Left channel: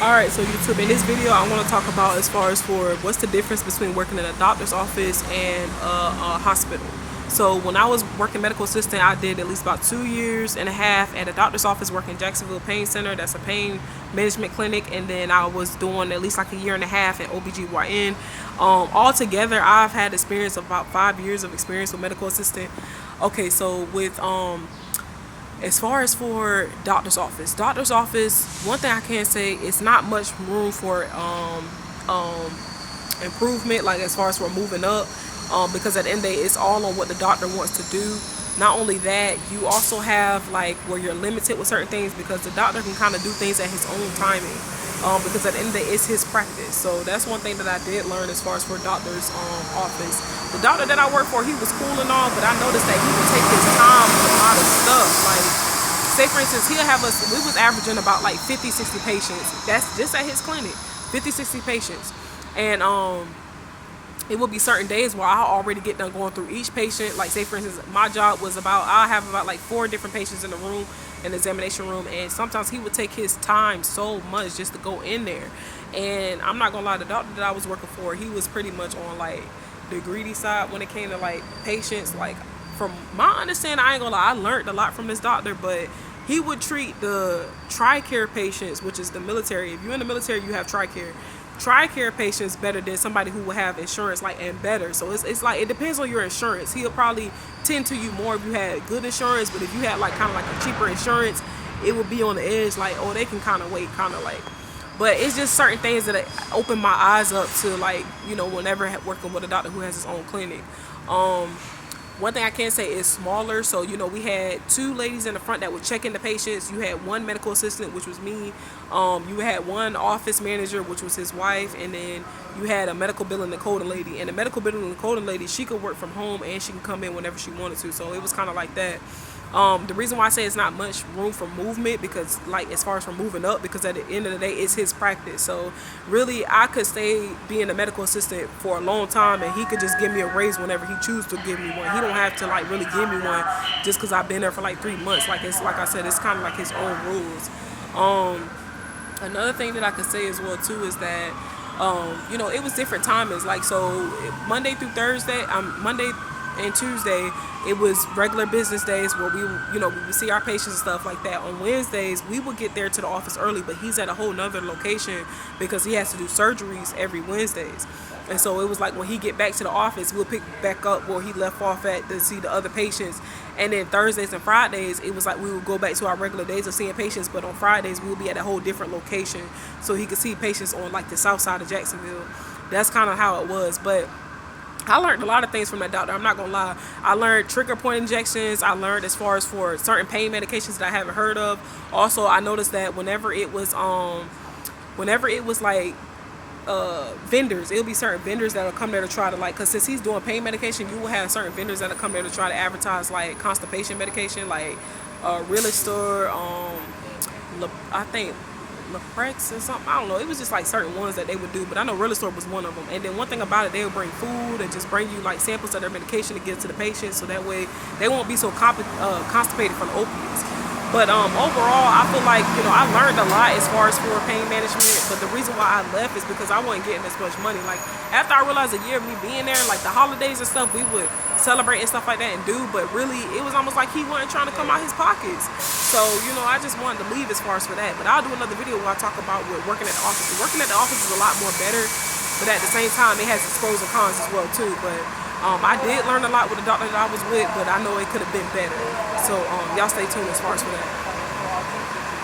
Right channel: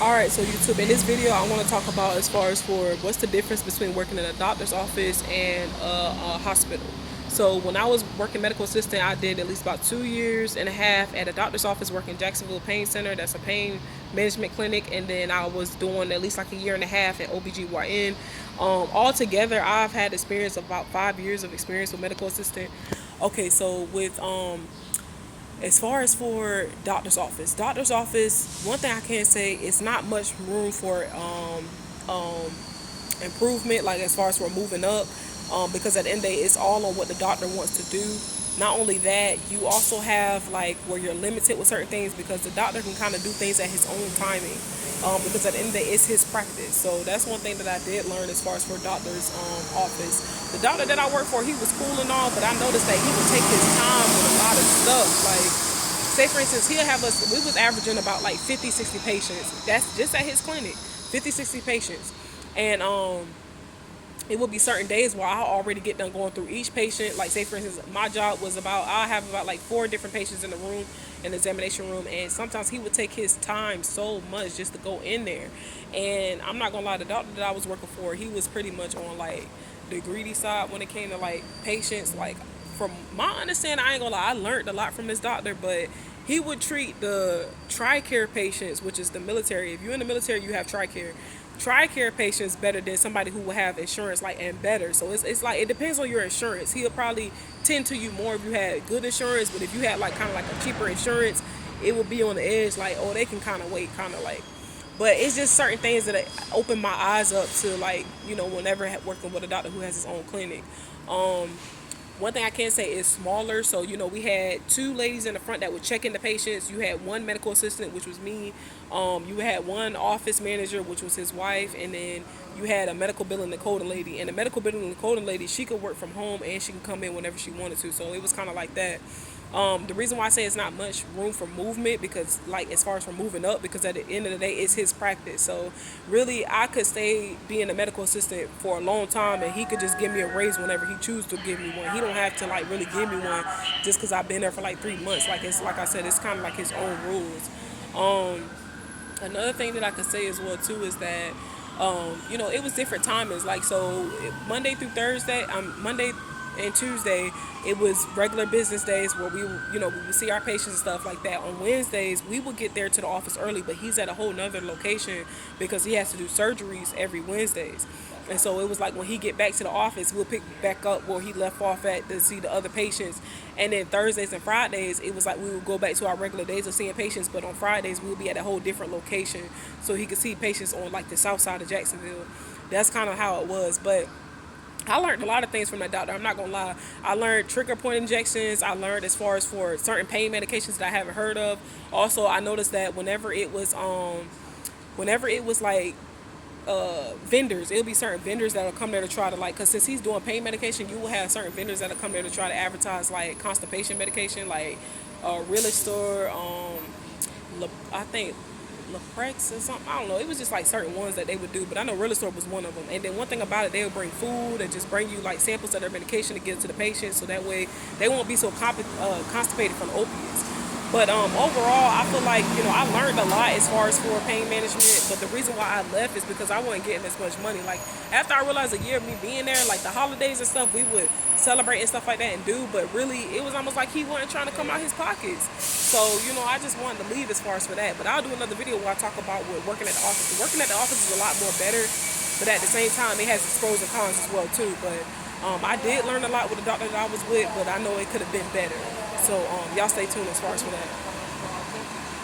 Alright, so YouTube, in this video I want to talk about as far as for what's the difference between working in a doctor's office and a hospital. So when I was working medical assistant, I did at least about 2.5 years at a doctor's office working Jacksonville Pain Center. That's a pain management clinic. And then I was doing at least like 1.5 years at OBGYN. Altogether, I've had experience of about 5 years of experience with medical assistant. Okay, so with as far as for doctor's office, one thing I can say, it's not much room for improvement, like as far as for moving up, because at the end of the day, it's all on what the doctor wants to do. Not only that, you also have like where you're limited with certain things because the doctor can kind of do things at his own timing. Because at the end of the day, it's his practice. So that's one thing that I did learn as far as for doctor's office. The doctor that I worked for, he was cool and all, but I noticed that he would take his time with a lot of stuff. Like, say for instance, he'll have us, we was averaging about like 50, 60 patients. That's just at his clinic, 50, 60 patients. And it would be certain days where I'll already get done going through each patient. Like say for instance, my job was I have about like 4 different patients in the room, in the examination room, and sometimes he would take his time so much just to go in there. And I'm not gonna lie, the doctor that I was working for, he was pretty much on like the greedy side when it came to like patients. Like from my understanding, I ain't gonna lie, I learned a lot from this doctor, but he would treat the TRICARE patients, which is the military. If you're in the military, you have TRICARE patients better than somebody who will have insurance, like, and better. So it's like, it depends on your insurance. He'll probably tend to you more if you had good insurance, but if you had like kind of like a cheaper insurance, it would be on the edge, like, oh, they can kind of wait, kind of like. But it's just certain things that open my eyes up to, like, you know, whenever working with a doctor who has his own clinic. One thing I can say is smaller. So, you know, we had 2 ladies in the front that were checking the patients. You had 1 medical assistant, which was me. You had 1 office manager, which was his wife. And then you had a medical billing and coding lady. And the medical billing and coding lady, she could work from home and she could come in whenever she wanted to. So it was kind of like that. The reason why I say it's not much room for movement, because like as far as for moving up, because at the end of the day, it's his practice. So really, I could stay being a medical assistant for a long time, and he could just give me a raise whenever he chooses to give me one. He don't have to like really give me one just because I've been there for like 3 months. Like it's like I said, it's kind of like his own rules. Another thing that I could say as well too is that you know, it was different timings. Like so, Monday through Thursday, Monday and Tuesday, it was regular business days where we would see our patients and stuff like that. On Wednesdays, we would get there to the office early, but he's at a whole nother location because he has to do surgeries every Wednesdays. And so it was like when he get back to the office, we'll pick back up where he left off at to see the other patients. And then Thursdays and Fridays, it was like we would go back to our regular days of seeing patients, but on Fridays, we would be at a whole different location so he could see patients on like the south side of Jacksonville. That's kind of how it was. But I learned a lot of things from that doctor. I'm not gonna lie. I learned trigger point injections. I learned as far as for certain pain medications that I haven't heard of. Also, I noticed that whenever it was like vendors, it'll be certain vendors that'll come there to try to like, cause since he's doing pain medication, you will have certain vendors that'll come there to try to advertise like constipation medication, like Realtor, I think Leprex or something. I don't know. It was just like certain ones that they would do, but I know Realtor was one of them. And then one thing about it, they would bring food and just bring you like samples of their medication to get it to the patient, so that way they won't be so constipated from opiates. But overall, I feel like, you know, I learned a lot as far as for pain management. But the reason why I left is because I wasn't getting as much money. Like after I realized a year of me being there, like the holidays and stuff, we would celebrate and stuff like that and do. But really, it was almost like he wasn't trying to come out his pockets. So, you know, I just wanted to leave as far as for that. But I'll do another video where I talk about what working at the office. Working at the office is a lot more better, but at the same time, it has its pros and cons as well too. But I did learn a lot with the doctor that I was with, but I know it could have been better. So y'all stay tuned as far as for that.